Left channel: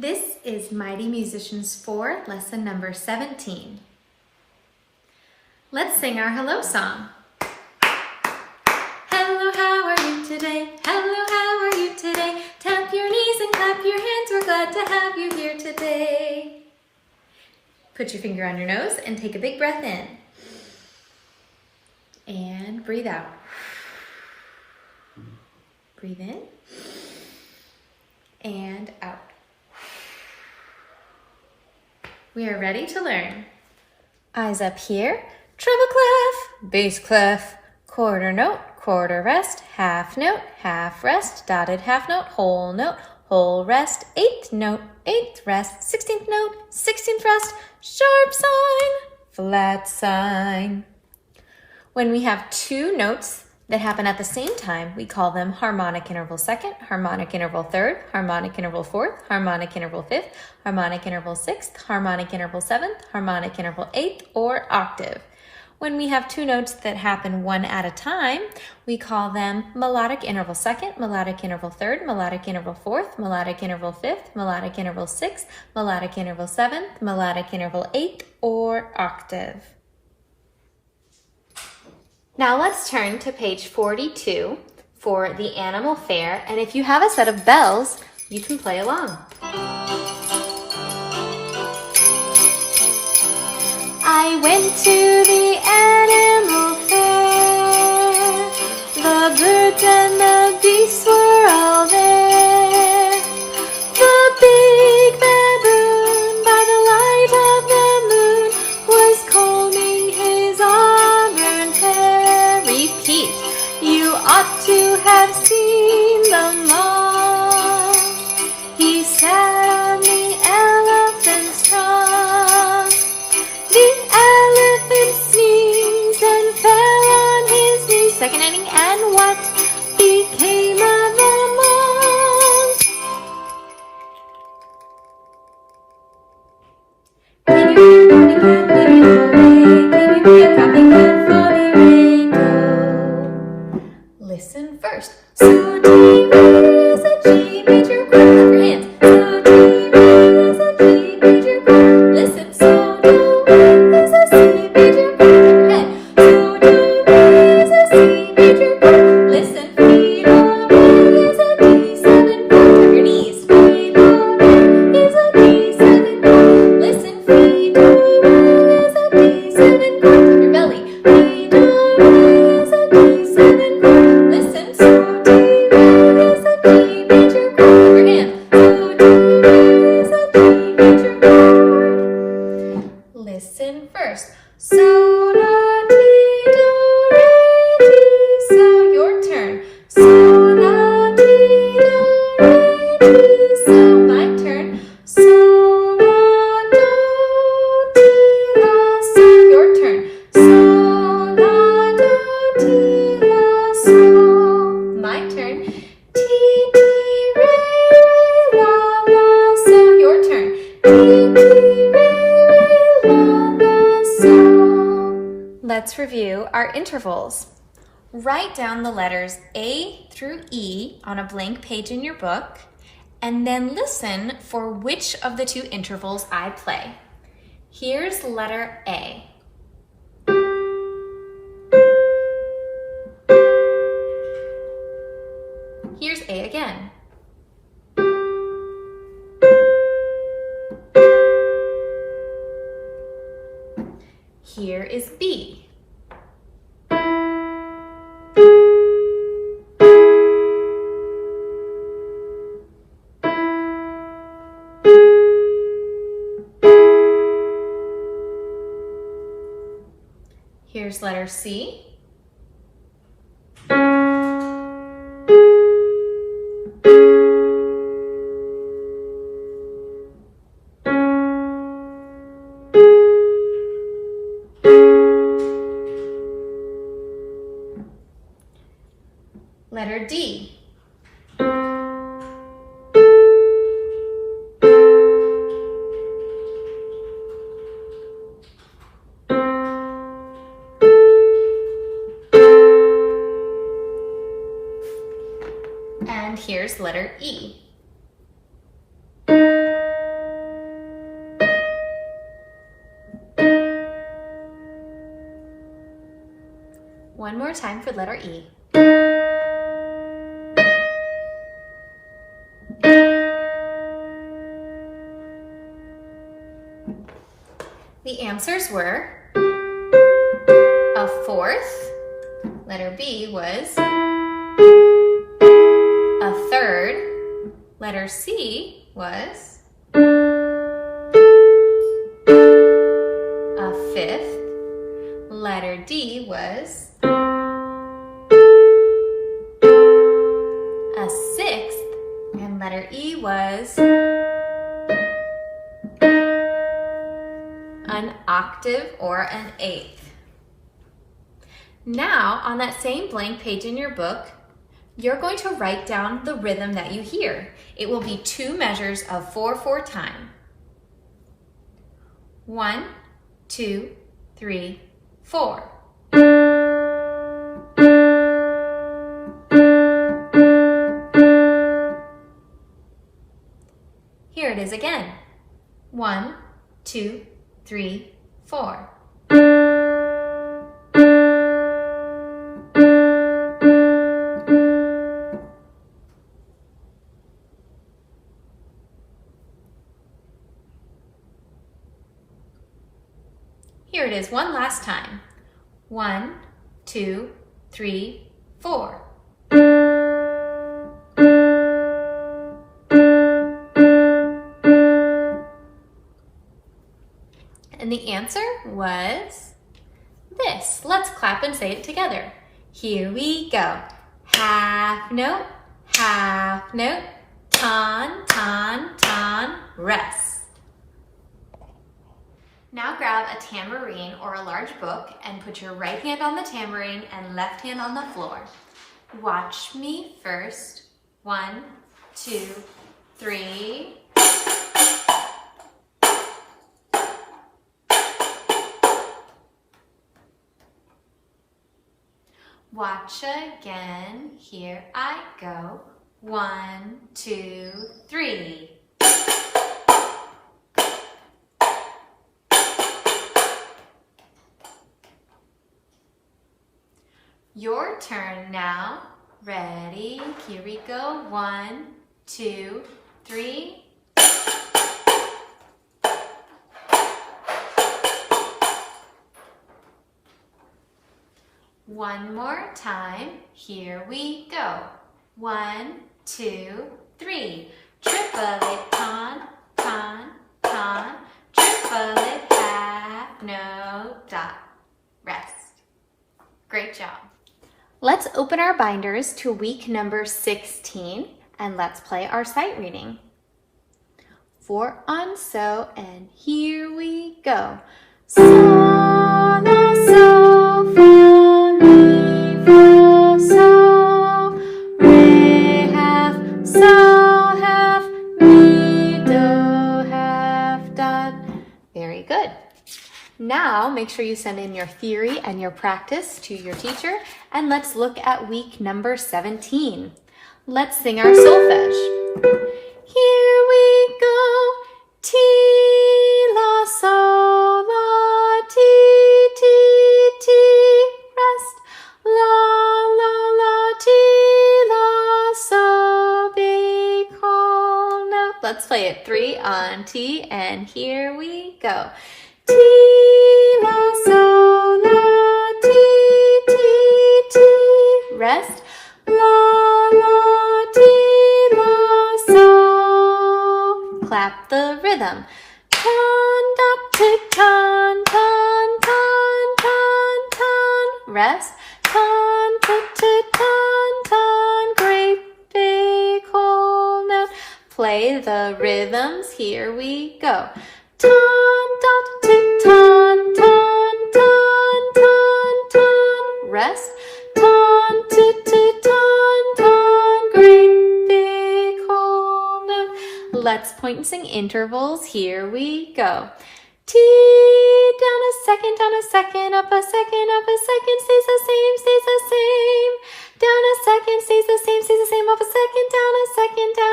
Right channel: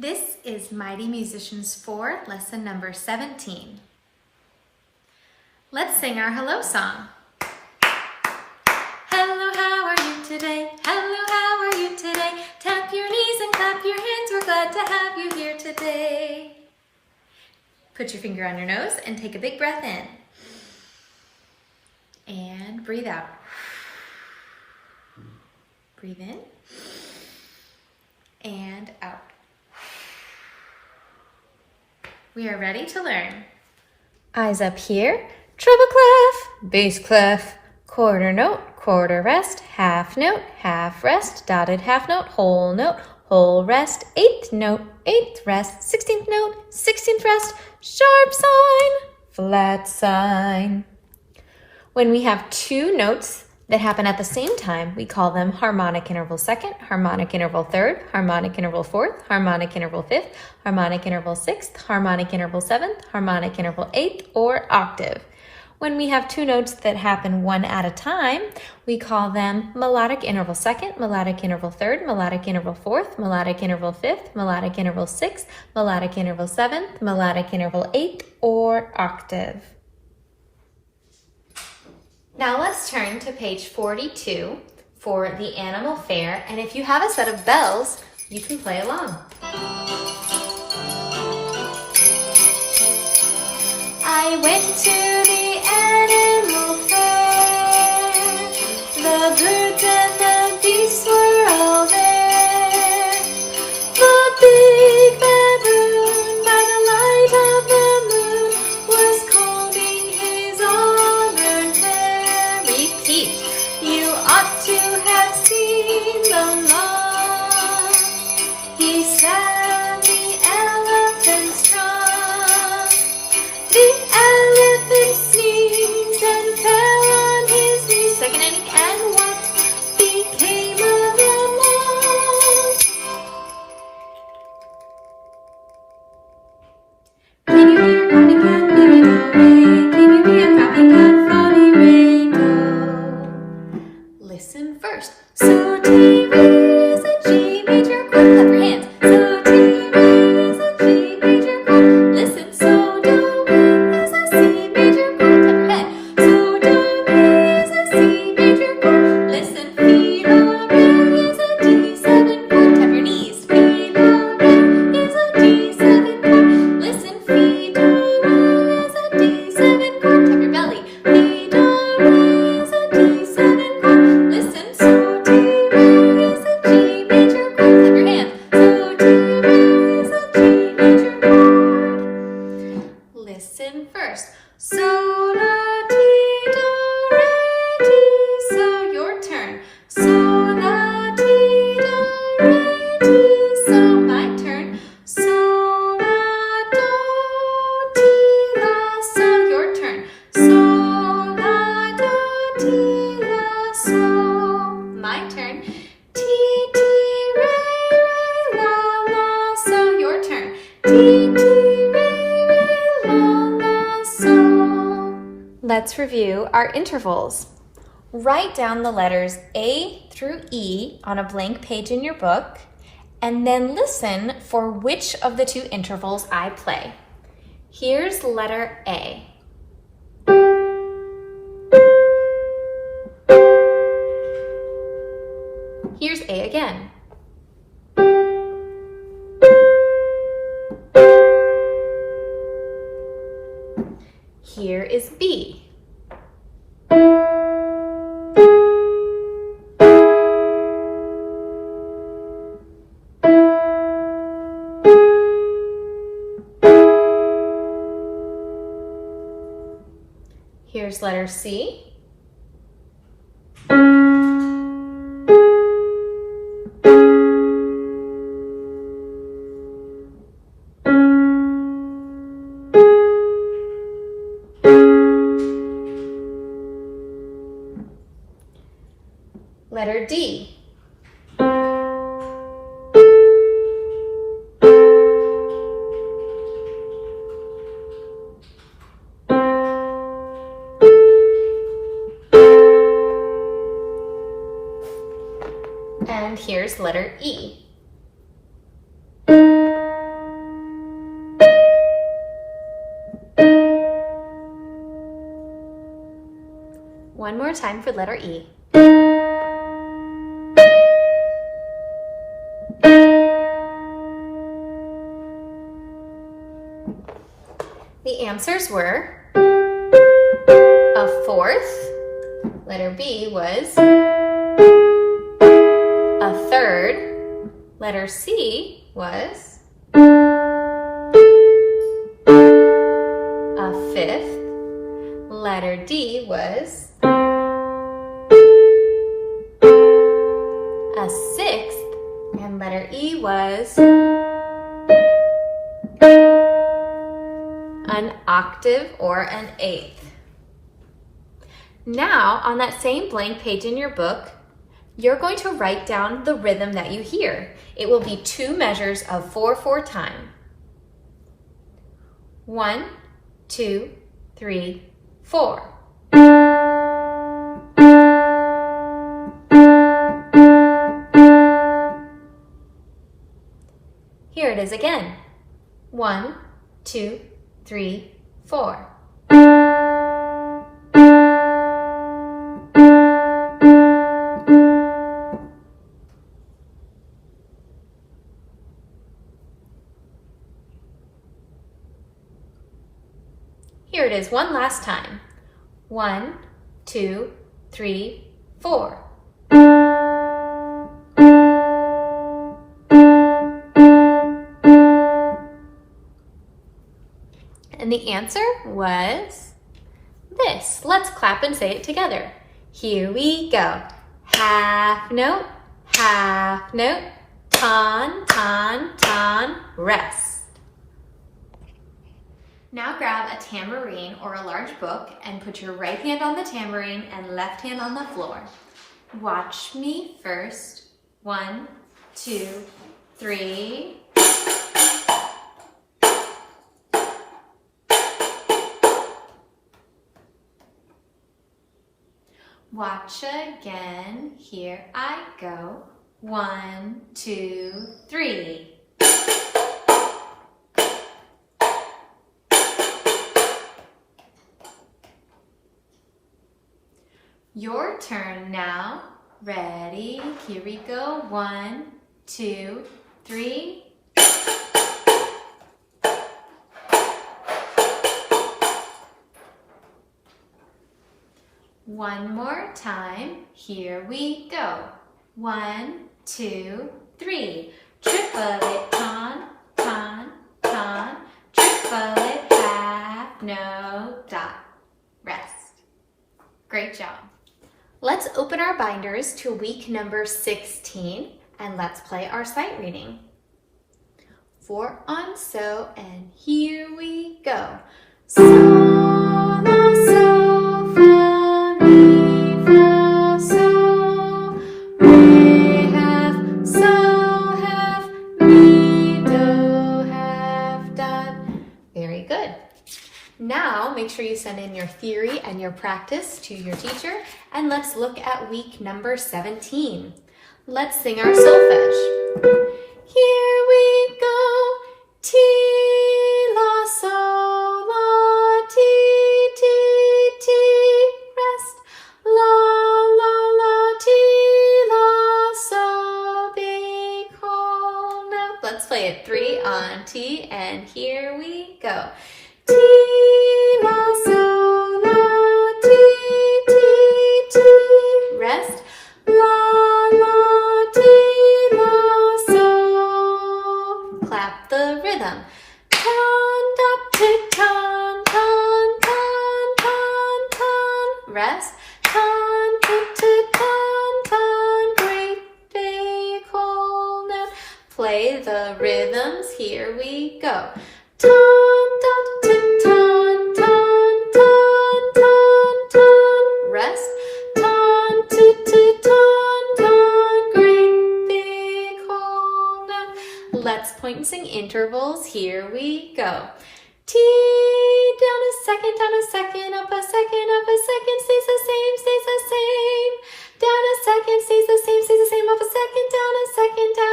This is Mighty Musicians 4, lesson number 17. Let's sing our hello song. Hello, how are you today? Hello, how are you today? Tap your knees and clap your hands. We're glad to have you here today. Put your finger on your nose and take a big breath in. And breathe out. Breathe in and out. We are ready to learn. Eyes up here, treble clef, bass clef, quarter note, quarter rest, half rest, dotted half note, whole rest, eighth note, eighth rest, 16th note, 16th rest, sharp sign, flat sign. When we have two notes that happen at the same time, we call them harmonic interval second, harmonic interval third, harmonic interval fourth, harmonic interval fifth, harmonic interval sixth, harmonic interval seventh, harmonic interval eighth, or octave. When we have two notes that happen one at a time, we call them melodic interval second, melodic interval third, melodic interval fourth, melodic interval fifth, melodic interval sixth, melodic interval seventh, melodic interval eighth, or octave. Now let's turn to page 42 for the animal fair, and if you have a set of bells, you can play along. I went to the animal fair, the birds and the beasts were all there. The big baboon, by the light of the moon, was combing his auburn hair. Repeat. You ought to have seen the lawn. He sat on the elephant's trunk. The elephant sneezed and fell on his knees. Second inning, and what became of them all? Can you hear Bobby Cat leading the way? Can you hear Bobby Cat flying rainbow? Listen first. So G is a G major chord. Clap your hands. So G is a G major chord. Listen. So Do is a C major chord. Clap your head. So Do is a C major chord. Listen. Fi La Re is a D7 chord. Tap your knees. Fi La Re is a D7 chord. Listen. Fi Do is a D7 chord. Tap your belly. Fi Do is a D7 chord. Listen. So D is a G major chord. Clap your hands. So D is a G major chord. Listen first. So la ti do re ti. So your turn. So la ti do re ti. So my turn. So la do ti la. So your turn. So la do ti la. So my turn. Ti ti re la la. So your turn. Ti ti re la la. So let's review our intervals. Write down the letters A through E on a blank page in your book, and then listen for which of the two intervals I play. Here's letter A. Here's A again. Here is B. Here's letter C. Letter D. And here's letter E. time for letter E. The answers were a fourth, letter B was a third, letter C was a fifth, letter D was a sixth, and letter E was an octave or an eighth. Now, on that same blank page in your book, you're going to write down the rhythm that you hear. It will be 2 measures of 4/4 time. 1, 2, 3, 4. Here it is again. 1, 2, 3, 4. Here it is one last time. 1, 2, 3, 4. And the answer was this. Let's clap and say it together. Here we go. Half note, ton, ton, ton, rest. Now grab a tambourine or a large book and put your right hand on the tambourine and left hand on the floor. Watch me first. 1, 2, 3. Watch again. Here I go. 1, 2, 3. Your turn now. Ready? Here we go. 1, 2, 3. One more time. Here we go. 1, 2, 3. Triplet, ton, ton, ton. Triplet, half, note, dot. Rest. Great job. Let's open our binders to week number 16 and let's play our sight reading. 4 on so, and here we go. So, la, so, fa, mi, fa, so. Re, half, so, half, mi, do, half, dot. Very good. Now, make sure you send in your theory and your practice to your teacher, and let's look at week number 17. Let's sing our solfege. Here we go. Ti, la, sol, la, ti, ti, ti. Rest. La, ti, la, so, big hole. Now, let's play it 3 on ti, and here we go. Ti, la, sol, la, ti, ti, ti. Rest. La, ti, la, so. Clap the rhythm. Ton, dot, tit, ton, ton, ton, ton, ton. Rest. Ton, tit, tit, ton, ton. Great big whole note. Play the rhythms. Here we go. Ton, dot, tit, ton, ton, ton, ton, ton. Rest. Ton, tit, tit, ton, ton. Great big whole note. Let's point and sing intervals. Here we go. T, down a second, up a second, stays the same. Down a second, stays the same, up a second, down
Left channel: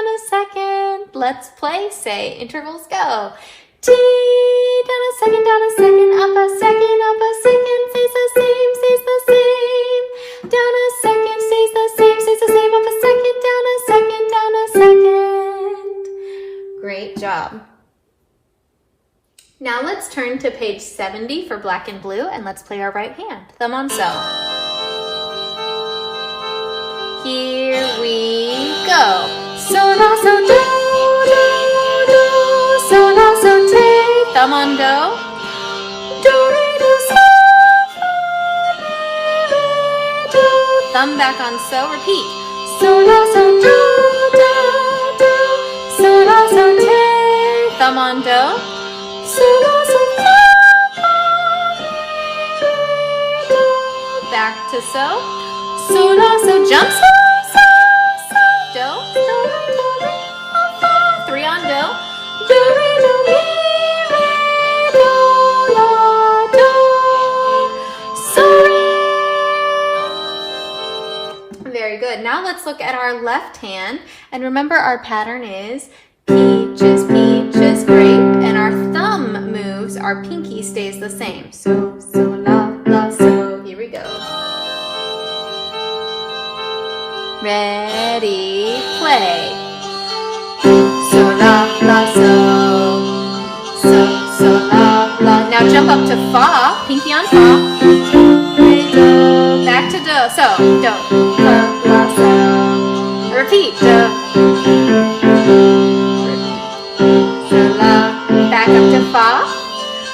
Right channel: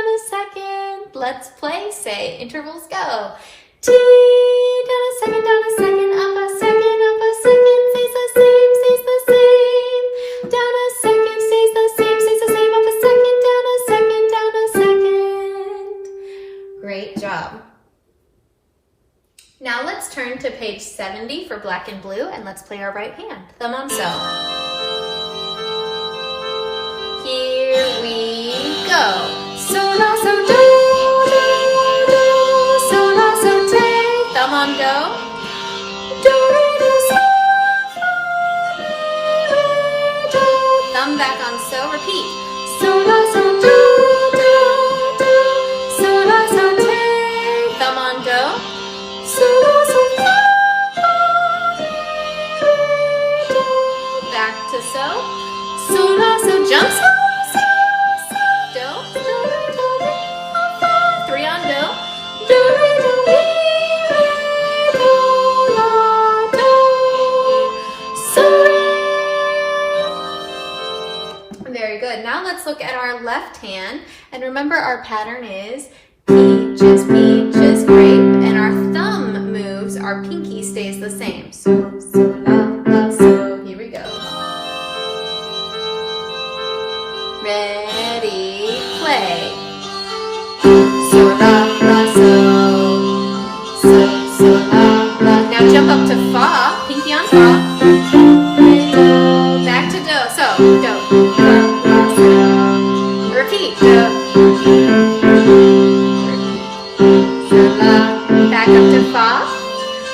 a second. Let's play, say, intervals, go. T, down a second, up a second, stays the same. job. Now let's turn to page 70 for black and blue, and let's play our right hand. Thumb on sew. Here we go. So, la, so, do, do, do. So, la, so, take. Thumb on do. Do, re, do, so, fa, re, do. Thumb back on so. Repeat. So, la, so, do, do, do. So, la, so, take. Thumb on do. So, la, so, fa, re, do. Back to so. So, la, so, jump, so, so, so, do. So, la, so, re, fa, 3 on do. Do, re, do, re, re, do, la, do. So, re. Very good. Now let's look at our left hand. And remember our pattern is peaches, peaches, grape. And our thumb moves, our pinky stays the same. So, so, la, la, so. Here we go. Ready, play. So, la, la, so. So, so, la, la. Now jump up to fa, pinky on fa. Back to do. So, do. La, la, so. Repeat. Do. So, la. Back up to fa.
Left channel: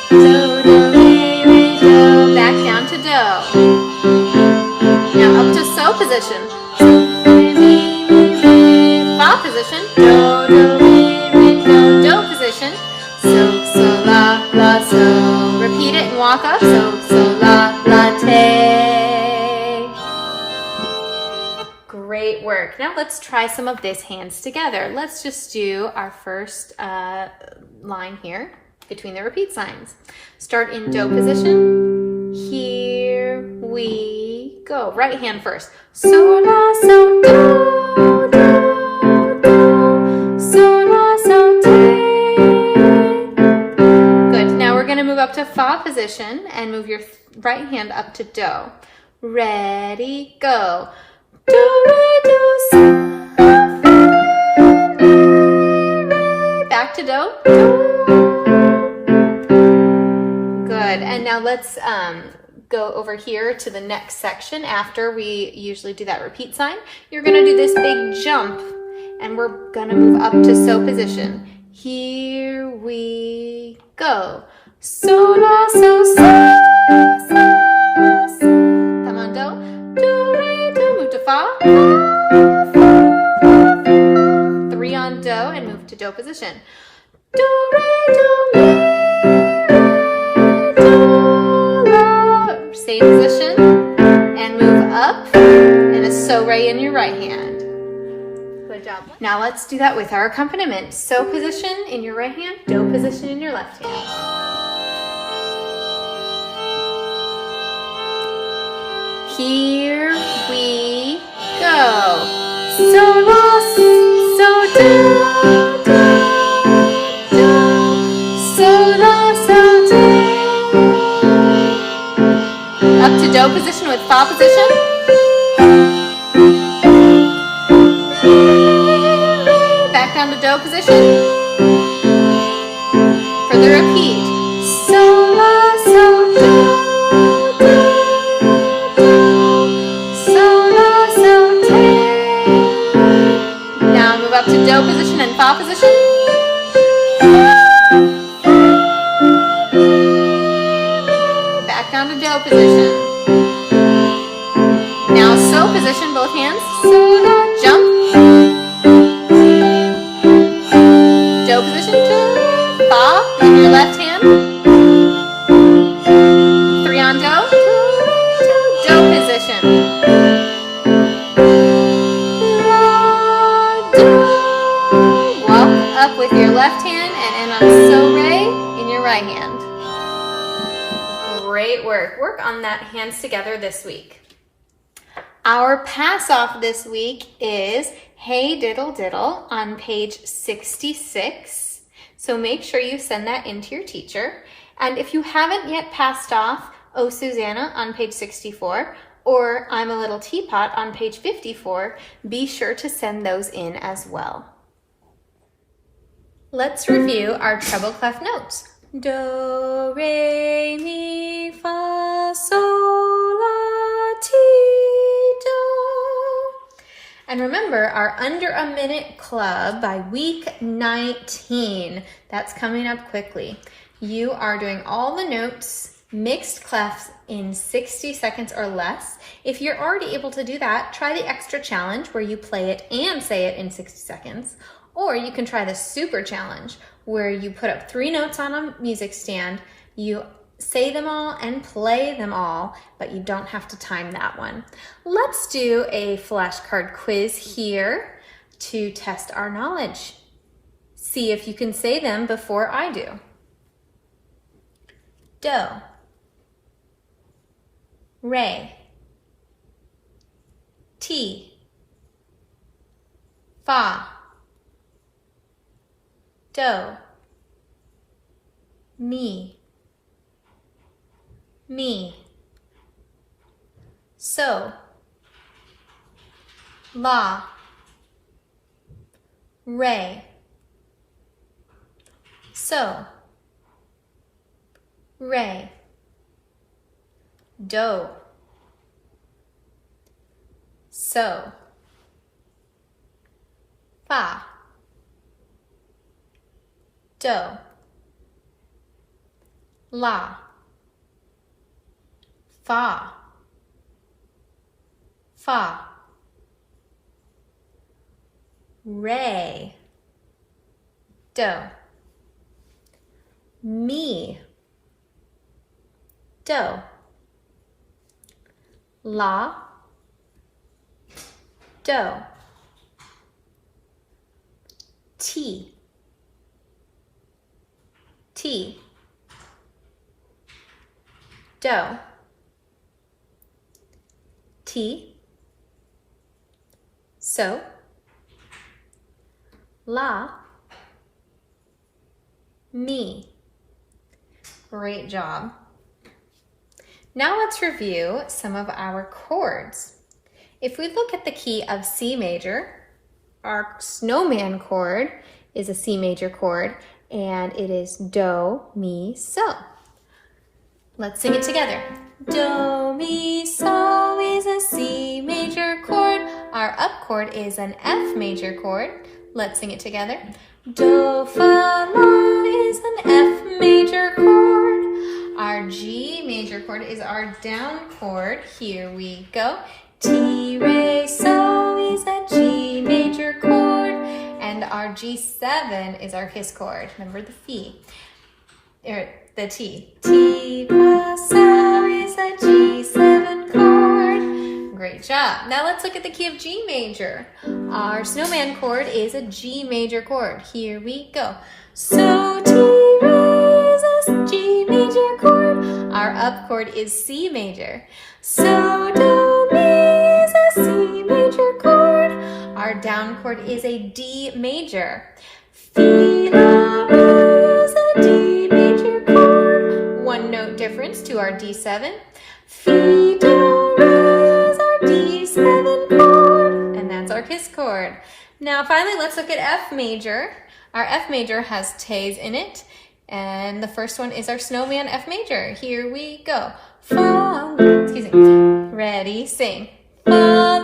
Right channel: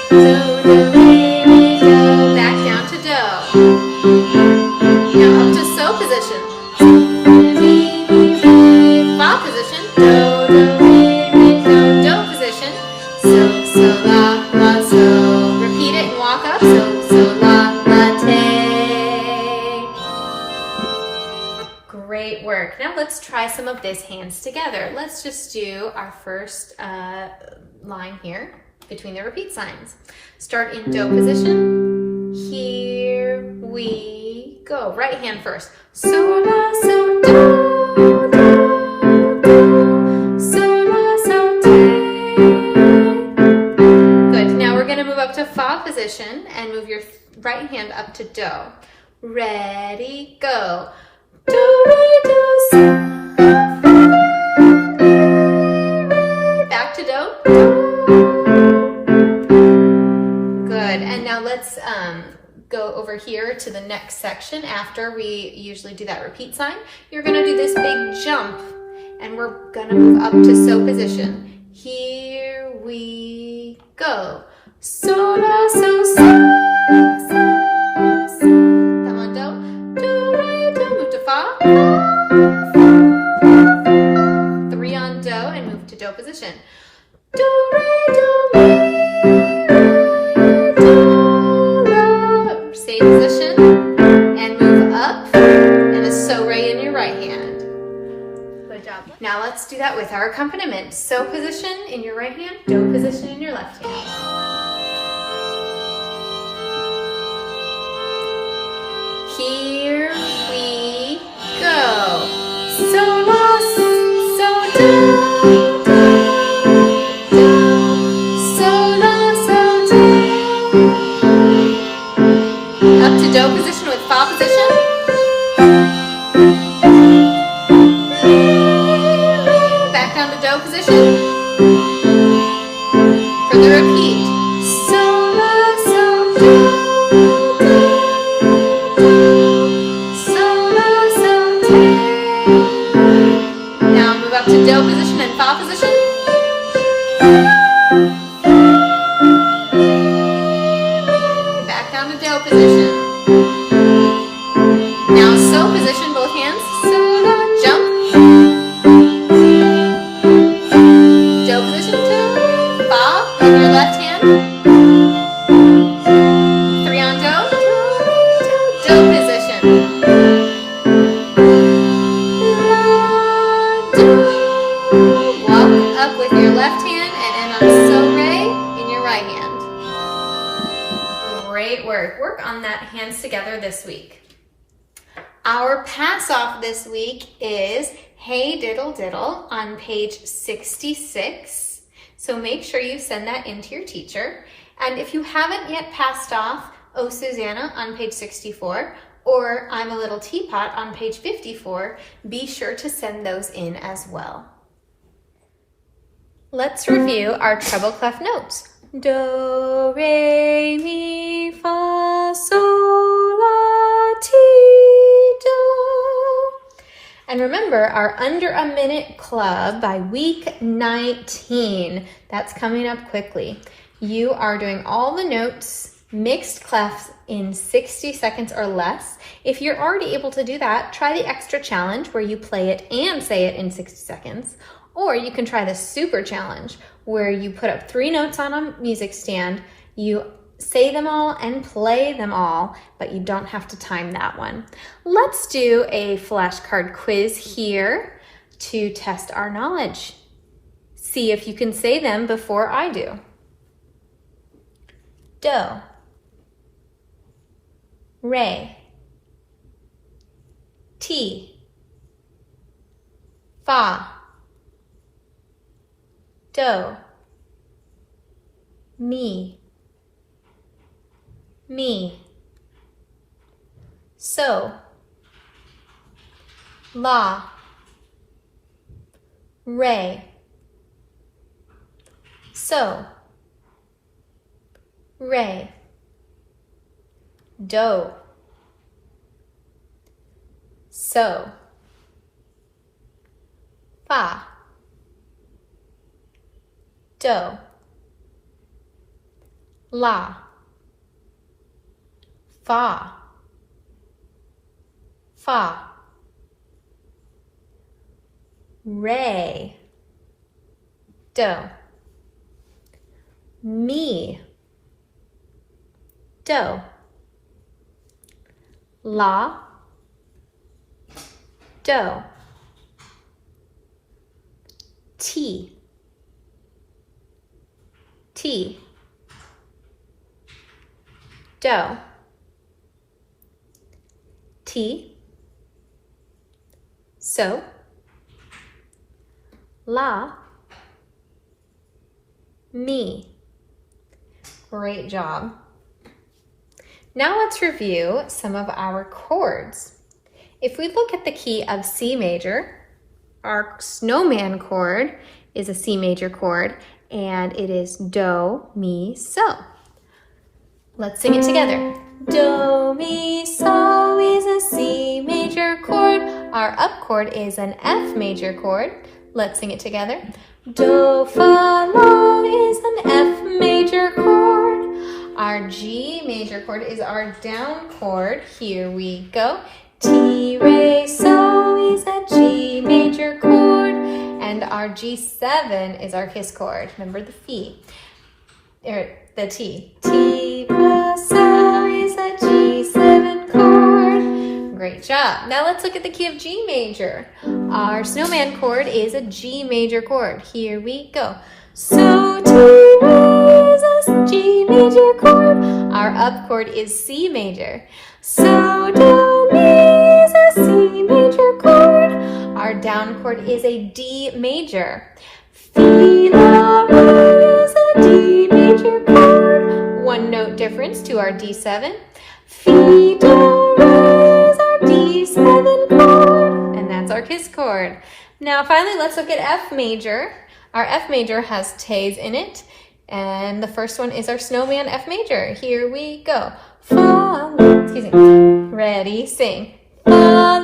Do, do, re, re, do. Back down to do. Now up to so position. Fa position. Do, do, re, re, do. Do position. So, so, la, la, so. Repeat it and walk up. So, so, la, la, take. Great work. Now let's try some of this hands together. Let's just do our first line here between the repeat signs. Start in do position. Here we go. Right hand first. So, la, so, do, do, do. So, la, so, take. Good. Now we're going to move up to fa position and move your right hand up to do. Ready, go. Do, re, do, so, fa, re, re. Back to do. Good. And now let's go over here to the next section. After we usually do that repeat sign, you're going to do this big jump, and we're going to move up to so position. Here we go. So, la, so, so, so, so. Come on, do. Do, re, do. Move to fa. 3 on do and move to do position. Do, re, do, re, do, la. Stay position and move up and a so re in your right hand. Good job. Now let's do that with our accompaniment. So position in your right hand, do position in your left hand. Here we go. So, la, so, do, do, do. So, la, so, take. Up to do position with fa position. Back down to do position. For the repeat. So, la, so, do, do, do. So, la, so, take. Now move up to do position and fa position. Back down to do position. Now so position, both hands. So, la, jump. Do position. Fa in your left hand. 3 on do. Do position. Walk up with your left hand and end on so re in your right hand. Great work. Work on that hands together this week. Our pass off this week is Hey Diddle Diddle on page 66. So make sure you send that in to your teacher. And if you haven't yet passed off Oh Susanna on page 64 or I'm a Little Teapot on page 54, be sure to send those in as well. Let's review our treble clef notes. Do, re, mi, fa, sol, la, ti, do. And remember our Under a Minute Club by week 19. That's coming up quickly. You are doing all the notes, mixed clefs in 60 seconds or less. If you're already able to do that, try the extra challenge where you play it and say it in 60 seconds. Or you can try the super challenge where you put up 3 notes on a music stand, you say them all and play them all, but you don't have to time that one. Let's do a flashcard quiz here to test our knowledge. See if you can say them before I do. Do, re, ti, fa, do, mi, so, la, re, so, re, do, so, fa, do, la, fa, re, do, mi, do, la, do, ti, do, ti, so, la, mi. Great job. Now let's review some of our chords. If we look at the key of C major, our snowman chord is a C major chord, and it is do, mi, so. Let's sing it together. Do, mi, so is a C major chord. Our up chord is an F major chord. Let's sing it together. Do, fa, la is an F major chord. Our G major chord is our down chord. Here we go. Ti, re, so is a G major chord. And our G7 is our kiss chord. Remember the T. The T. Ti, re, so is a G7 chord. Great job. Now let's look at the key of G major. Our snowman chord is a G major chord. Here we go. So, ti, re is a G major chord. Our up chord is C major. So, do, mi is a C major chord. Our down chord is a D major. Fi, la, re is a D major chord. One note difference to our D7. Fi, do, re is our D7 chord. And that's our kiss chord. Now finally, let's look at F major. Our F major has T's in it. And the first one is our snowman F major. Here we go. Fa, la, excuse me. Ready, sing. Fa,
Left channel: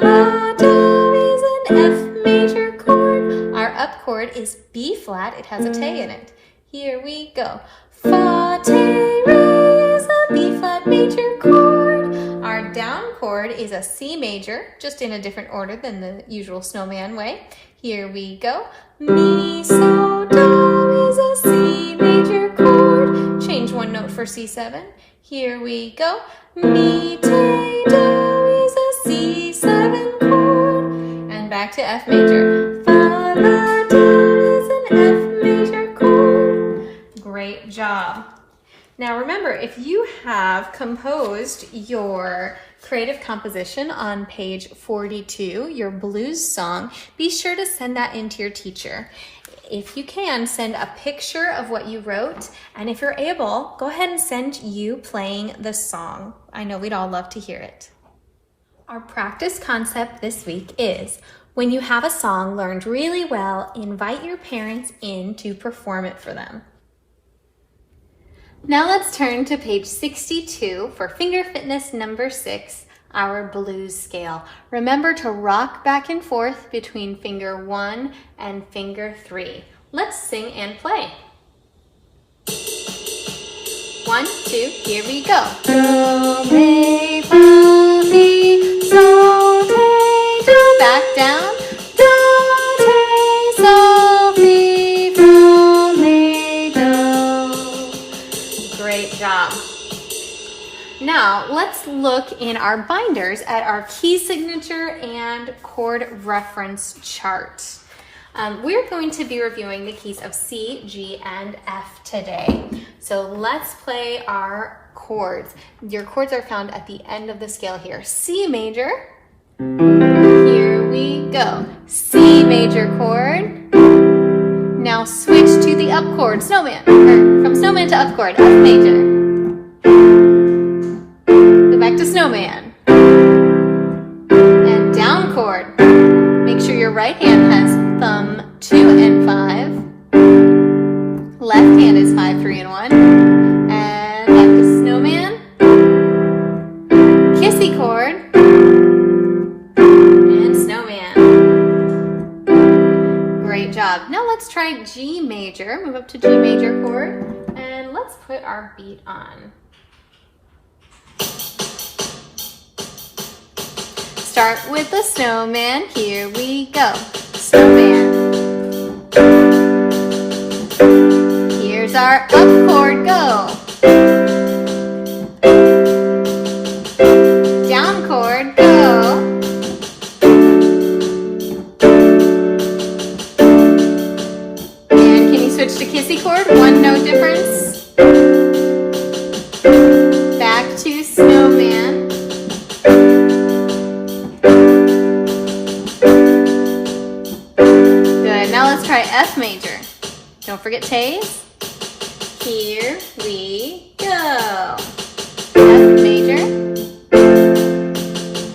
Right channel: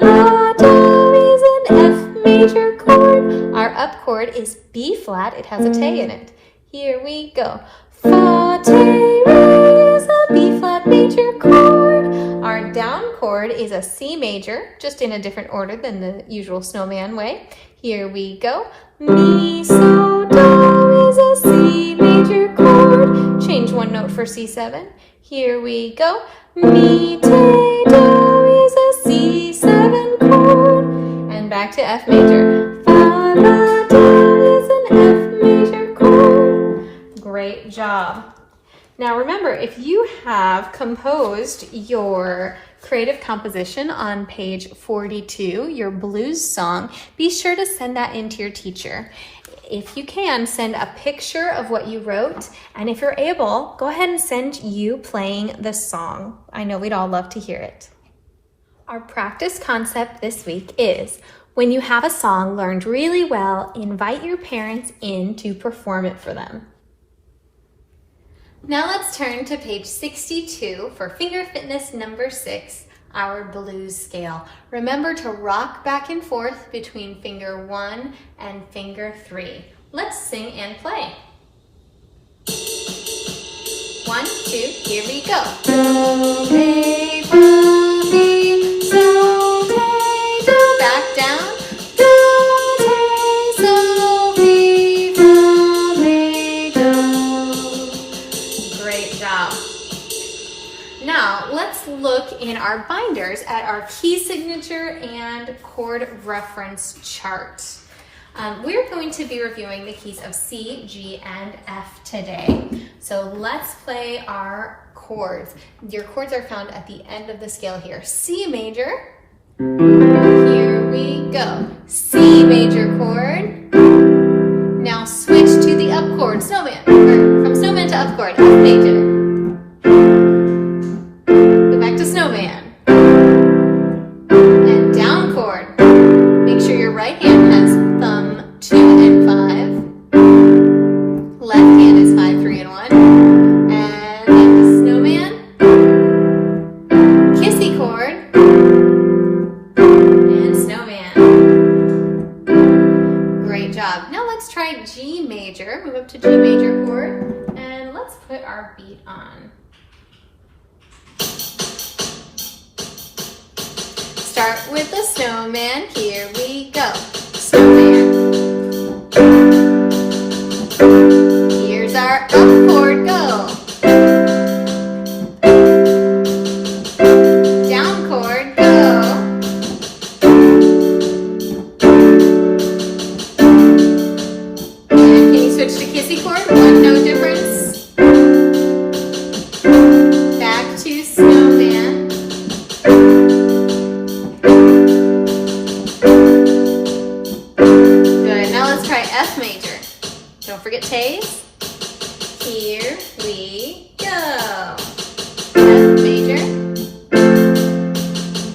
la, do is an F major chord. Our up chord is B flat. It has a T in it. Here we go. Fa, te, re is a B flat major chord. Our down chord is a C major, just in a different order than the usual snowman way. Here we go. Mi, so, do is a C major chord. Change one note for C7. Here we go. Mi, te, do is a C7 chord. And back to F major. Fa, la, do is an F major chord. Great job. Now remember, if you have composed your creative composition on page 42, your blues song, be sure to send that in to your teacher. If you can, send a picture of what you wrote, and if you're able, go ahead and send you playing the song. I know we'd all love to hear it. Our practice concept this week is When you have a song learned really well, invite your parents in to perform it for them. Now let's turn to page 62 for finger fitness number 6, our blues scale. Remember to rock back and forth between finger 1 and finger 3. Let's sing and play. 1, 2, here we go. Do, re, do, mi, so, re, do. Back down. Do, re, so, mi, do, mi, do. Great job. Now, let's look in our binders at our key signature and chord reference chart. We're going to be reviewing the keys of C, G, and F today. So let's play our chords. Your chords are found at the end of the scale here. C major, here we go. C major chord. Now switch to the up chord, snowman, or from snowman to up chord, F major. Go back to snowman. And down chord. Make sure your right hand has thumb 2 and 5. Left hand is 5, 3, and 1. And back to snowman. Kissy chord. And snowman. Great job. Now let's try G major. Move up to G major chord. And let's put our beat on. Start with the snowman. Here we go. Snowman. Here's our up chord. Go. Down chord. Go. And can you switch to kissy chord? 1 note difference. Back to snowman. F major. Don't forget taste. Here we go. F major.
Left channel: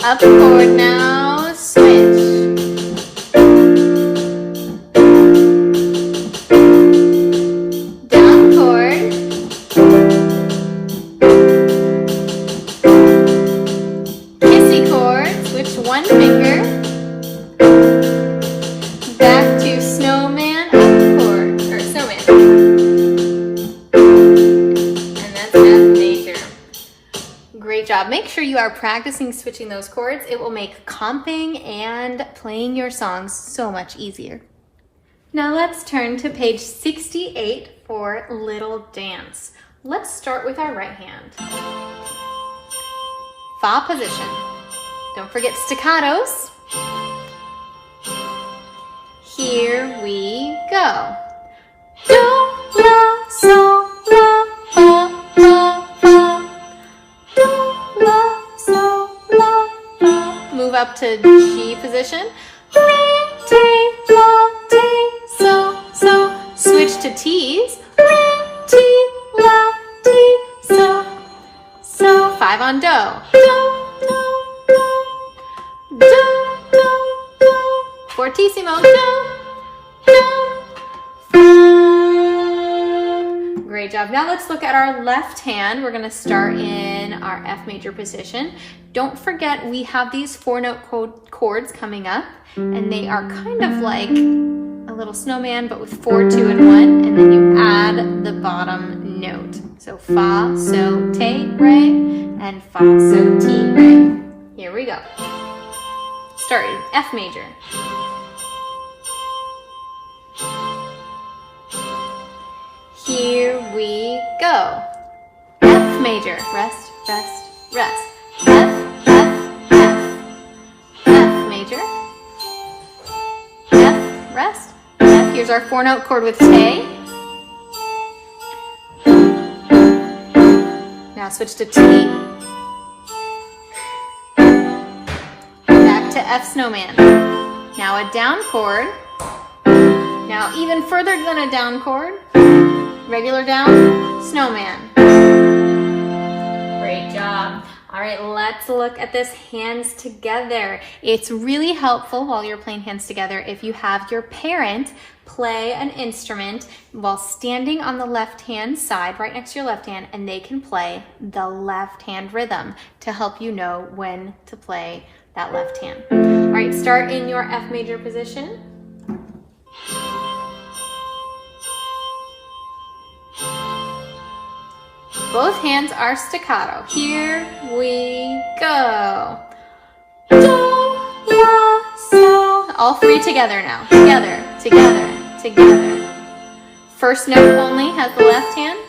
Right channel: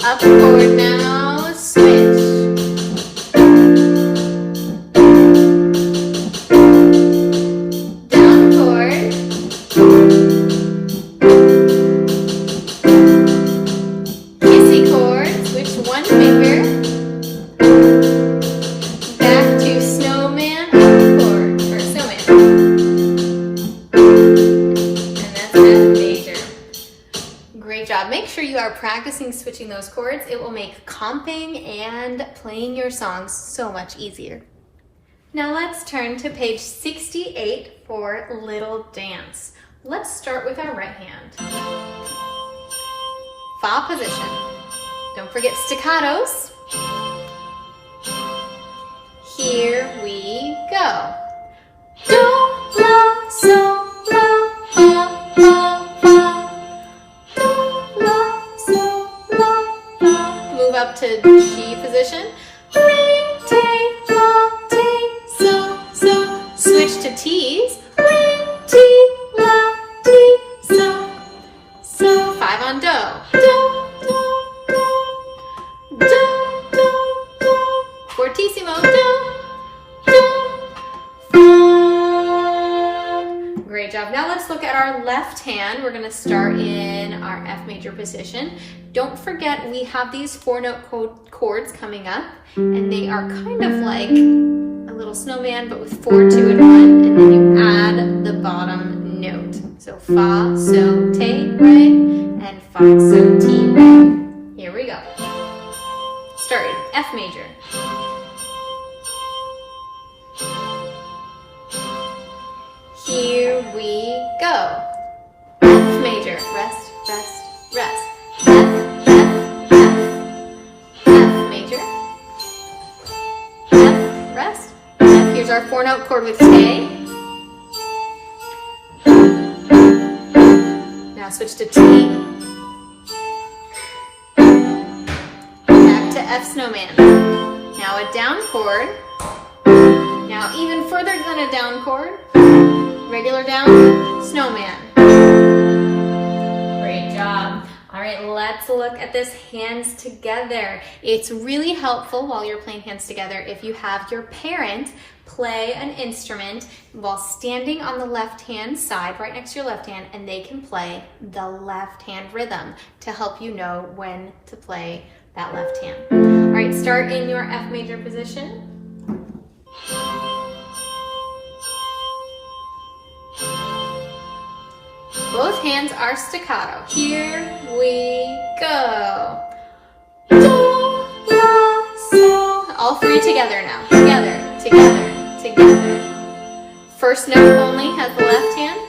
Up chord now. Switch. Down chord. Kissy chord. Switch 1 finger. Great job. Make sure you are practicing switching those chords. It will make comping and playing your songs so much easier. Now let's turn to page 68 for Little Dance. Let's start with our right hand. Fa position. Don't forget staccatos. Here we go. Do, la, sol, la, fa, fa, fa. Move up to G position. Re, ti, la, ti, so, so. Switch to T's. Re, ti, la, ti, so, so. 5 on do. Do, do, do, do, do. Fortissimo. Do, do. Great job. Now let's look at our left hand. We're going to start in our F major position. Don't forget we have these 4-note chords coming up, and they are kind of like a little snowman, but with 4, 2, and 1, and then you add the bottom note. So fa, so, te, re, and fa, so, ti, re. Here we go. Start in F major. Here we go. F major. Rest, rest, rest. F, F, F. F major. F, rest. F. Here's our 4-note chord with te. Now switch to T. Back to F snowman. Now a down chord. Now even further than a down chord. Regular down, snowman. Great job. All right, let's look at this hands together. It's really helpful while you're playing hands together if you have your parent play an instrument while standing on the left hand side, right next to your left hand, and they can play the left hand rhythm to help you know when to play that left hand. All right, start in your F major position. Both hands are staccato. Here we go. Do, la, so. All three together now. Together, together, together. First note only has the left hand.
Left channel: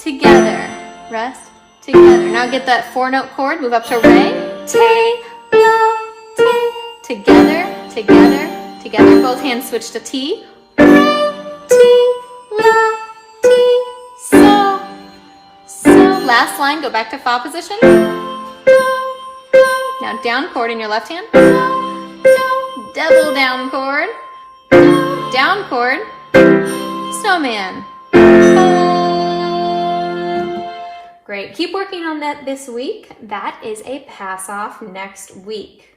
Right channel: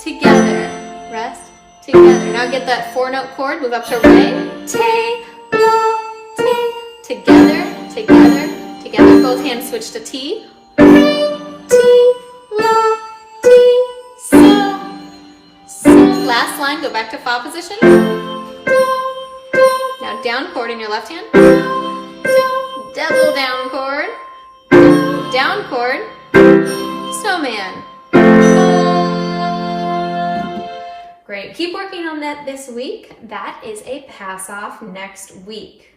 Together. Rest. Together. Now get that 4-note chord. Move up to re. Ti, la, ti. Together, together, together. Both hands switch to T. Re, ti, la, ti. Last line, go back to fa position. Now down chord in your left hand. Double down chord. Down chord. Snowman. Great. Keep working on that this week. That is a pass off next week.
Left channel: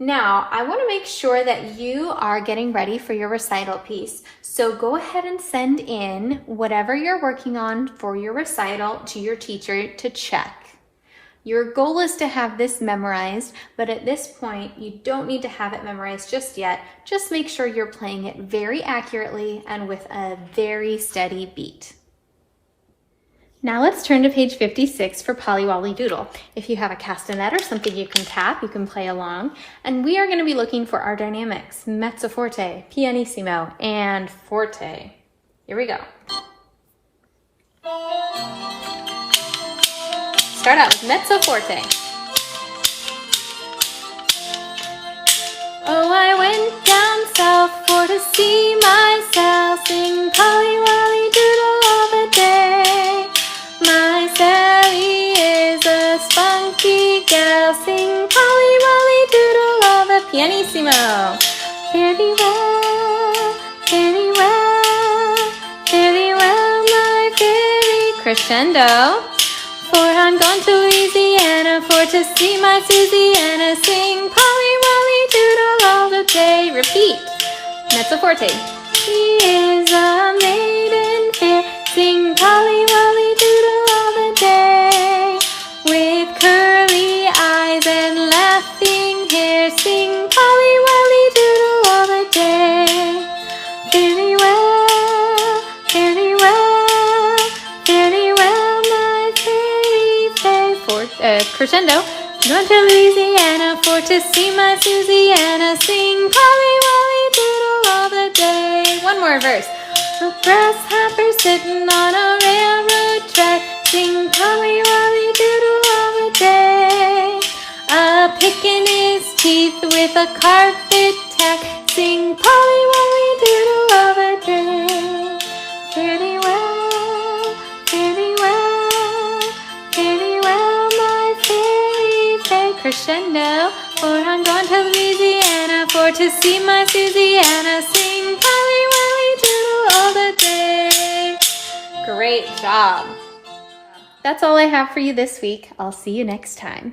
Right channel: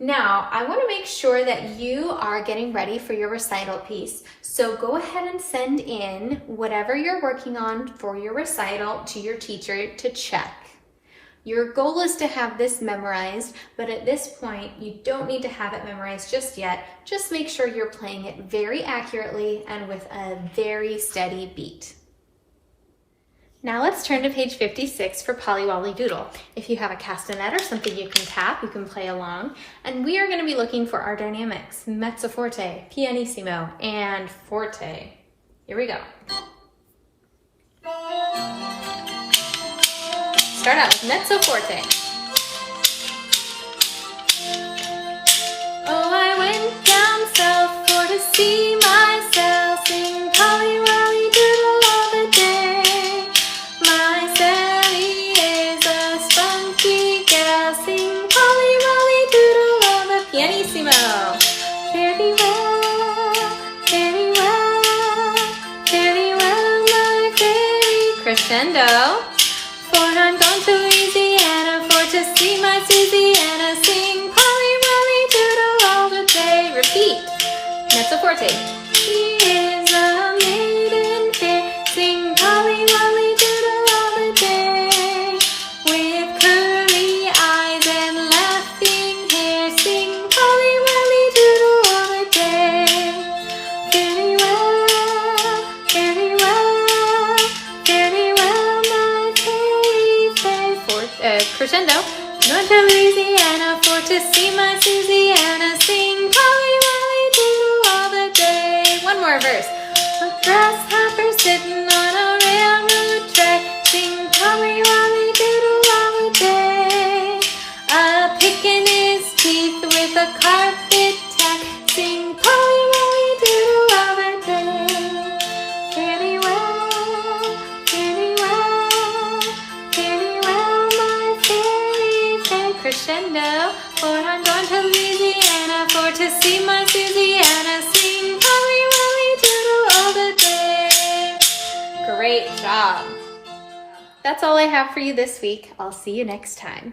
Now, I want to make sure that you are getting ready for your recital piece. So go ahead and send in whatever you're working on for your recital to your teacher to check. Your goal is to have this memorized, but at this point, you don't need to have it memorized just yet. Just make sure you're playing it very accurately and with a very steady beat. Now let's turn to page 56 for Polly Wolly Doodle. If you have a castanet or something you can tap, you can play along. And we are going to be looking for our dynamics, mezzo forte, pianissimo, and forte. Here we go. Start out with mezzo forte. Oh, I went down south for to see myself, sing Polly Wolly Doodle all the day. My Sally is a spunky girl, sing Polly Wolly Doodle all the pianissimo. Fairly well, fairly well, fairly well, my fairy crescendo. For I'm going to Louisiana for to see my Susiana, sing Polly Wolly Doodle all the day. Repeat, mezzo forte. She is a maiden fair, sing Polly Wolly Doodle all the day. With curly eyes and laughing hair, sing Polly Wolly Doodle all the day. Fairly well, fairly well, fairly well, my crescendo. Going to Louisiana for to see my Susiana, sing Polly Wolly Doodle all the day. One more verse. A grasshopper sitting on a railroad track, sing Polly Wolly Doodle all the day. A picking his teeth with a carpet tack, sing Polly Wolly Doodle all the day. Fairly well, fairly well, fairly well, my fairy fair crescendo. For I'm going to Louisiana for to see my Susiana, sing Polly Wolly Doodle all the day. Great job. That's all I have for you this week. I'll see you next time.